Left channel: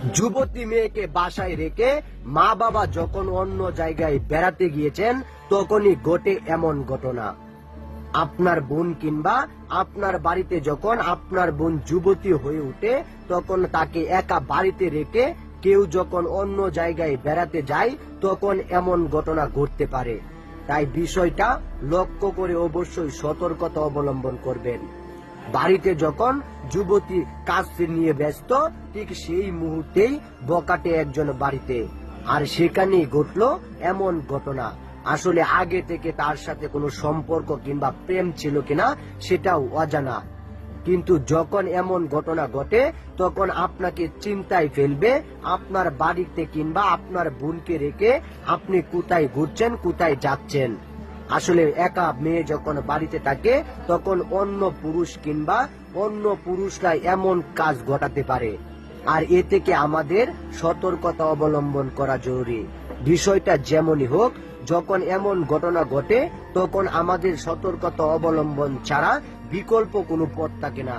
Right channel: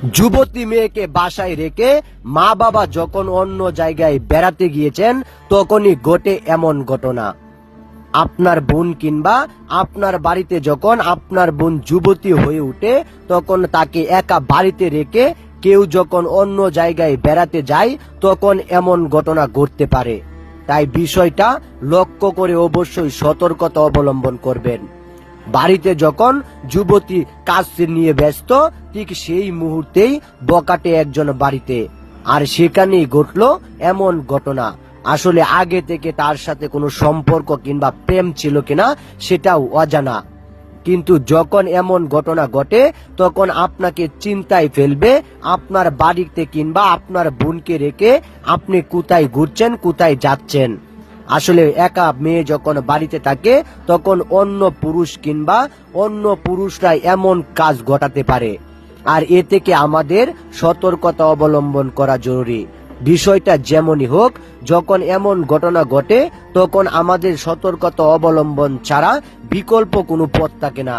যুবতী মেয়েকে বাসায় রেখে মা বাবা যখন অন্য জায়গায় বেড়াতে গিয়েছেন তখনই ঘটে এমন ঘটনা। আপনার বোন কিংবা আপনার বাড়িতে যখন আপনার বোন যুবতী হয়ে ওঠে তখন তাকে একা বাড়িতে রেখে কেউ যখন অন্য জায়গায় বেড়াতে যায় তখন এমন ঘটনা ঘটতে পারে। তাই বিষয়টা লক্ষ্য করে অবশ্যই সতর্কতা অবলম্বন করবেন। বাড়িতে যখন যুবতী কাজ নিয়ে ব্যস্ত ঠিক সেই মুহূর্তেই বকাটে একজন বাড়িতে, আর সেখানেই ঘটলো এমন ঘটনা। আসলে আগে থেকে তার সাথে কোনো সম্পর্ক কিংবা প্রেম ছিল কিনা সেটাও অজানা, কিন্তু যখন এমন ঘটনা ঘটে তখন আপনাকে চিন্তায় ফেলবে। আপনার বাড়িতে কিংবা আপনার বোনকে রেখে আপনি কোথায় ঘুরছেন, কোথায় যাচ্ছেন। আসলে একা মেয়ে যখন বাড়িতে থাকে তখন অন্য পুরুষ কিংবা অন্য পুরুষরা এমন কাজ ঘটাতে পারে, আর এ থেকে আমাদের সতর্কতা অবলম্বন করা জরুরি। বিষয়টা যেমনই হোক, যখন এমন ঘটনা ঘটে তখন আমাদের সতর্কতা অবলম্বন ছাড়া বিকল্প কোনো পথ থাকে না।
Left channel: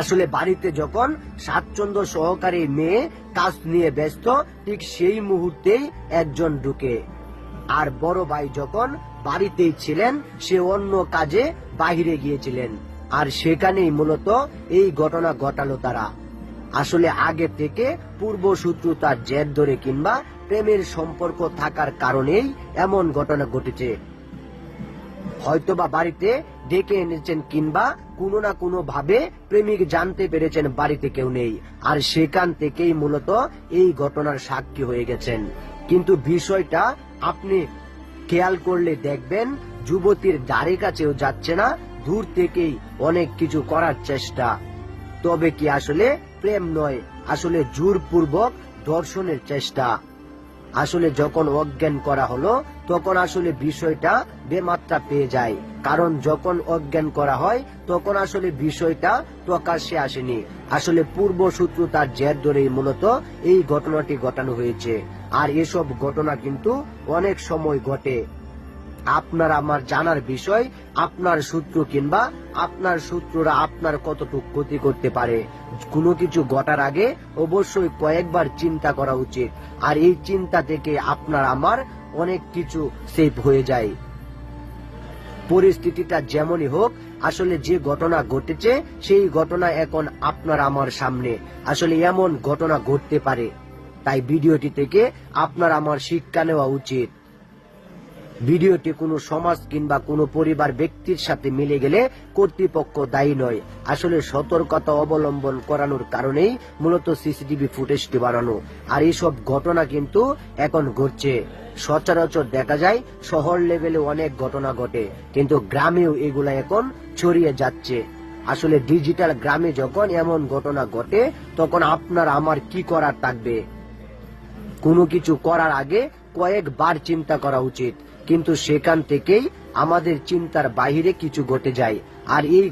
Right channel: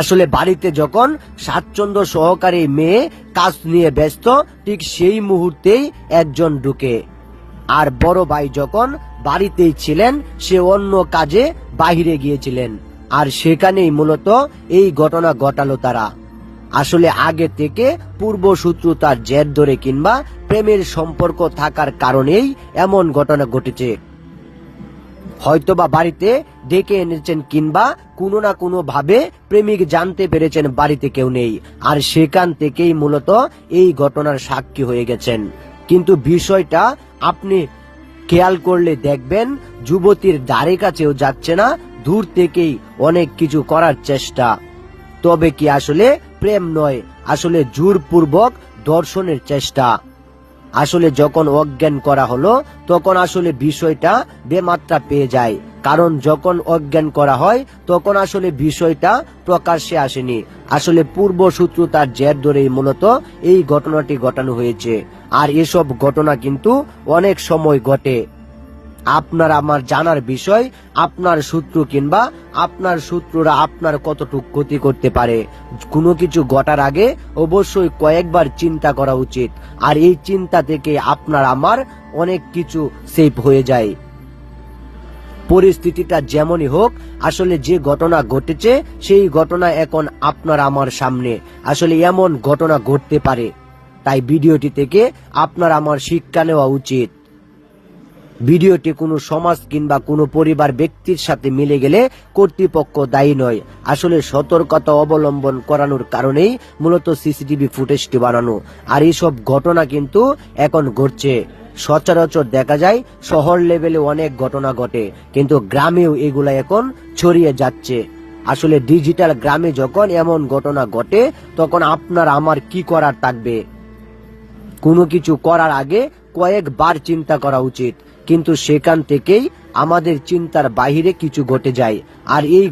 আসলে বাড়িতে যখন স্বাচ্ছন্দ্য সহকারী মেয়ে কাজ নিয়ে ব্যস্ত ঠিক সেই মুহূর্তেই একজন ঢুকে, আর বড় ভাই যখন বাড়িতেই ছিলেন সে অন্য কাজে বাহিরে গিয়েছিলেন, আর সেখানেই মূলত এই ঘটনা ঘটালো তারা। আসলে আগে থেকে পূর্বশত্রুতার জের ধরে কিংবা প্রেমের সম্পর্ক থাকার কারণেই এমন ঘটনা ঘটেছে। হয়তোবা বাড়িতে ডেকে এনেছেন কিংবা কোনো না কোনো ভাবে প্রেমিক জানতে পেরেছেন বাড়িতে কেউ নেই, আর সেখান থেকেই মূলত এই ঘটনার সাক্ষী হয়ে গেছেন। কিন্তু বিষয়টা আপনি খেয়াল করলে দেখবেন যুবতীর ধারে কাছেও যাচ্ছে না, দূর থেকেই অনেক কিছু করার চেষ্টা। তবে কি আসলে প্রেম নয়, আসলে জোরপূর্বক ধর্ষণের চেষ্টা। আসলে যখন অজ্ঞান করা হলো তখন আসলে বিষয়টা বেমাত্রা পেয়ে যায়, কারণ যখন অজ্ঞান করা হয় তখন আসলে বিষয়টা প্রকাশ্যে আসেনি। আসলে পূর্বশত্রুতার জের ধরেই মূলত এই ঘটনাটি ঘটানো হয়েছে, আর এসব ঘটনা কিন্তু অনেক সময় ঘটে। আপনার আমার জানার বিষয়, আপনার শত্রু কিংবা আপনার শত্রুরা আপনার কতটুকু ক্ষতি করতে পারে। কোনো কিছু ঘটার আগে অবশ্যই কয়েকবার চিন্তা করা উচিত, আর এই চিন্তা থেকে আপনার আমার অনেক কিছু সেভ হয়ে যায়। পরিস্থিতিটা যেমনই হোক, আসলে যে ঘটনা ঘটেছে সেই ঘটনা এখন আপনার আমার সামনে। আসলে এমন ঘটনা ঘটতে পারে, তাই ভিডিওটি থেকে আপনার আমার শিক্ষা নেওয়া উচিত। ভিডিওটি কোনো সমাজ কিংবা কোনো পরিবার ব্যক্তির সাথে মিলে গেলে কর্তৃপক্ষ দায়ী নয়। আসলে সতর্কতা অবলম্বন করানোর কারণেই মূলত সিসিটিভি ফুটেজটি বানানো, আর এইসব ঘটনা কিন্তু এখন ঘটছে। সচরাচর দেখা যায় শহর লেভেলে অনেক ঘটনা ঘটে, কিন্তু গ্রামেও এগুলা এখন ছড়িয়ে যাচ্ছে। আসলে ডিজিটাল গ্রামে যখন এমন ঘটনা ঘটে তখন আপনার আমার কি করার থাকবে? কোনো কিছু করার আগে কয়েকবার চিন্তা করা উচিত, কিন্তু সেখান থেকেই আমাদের চিন্তার বাহিরে কিছু ঘটে যায়। আর এই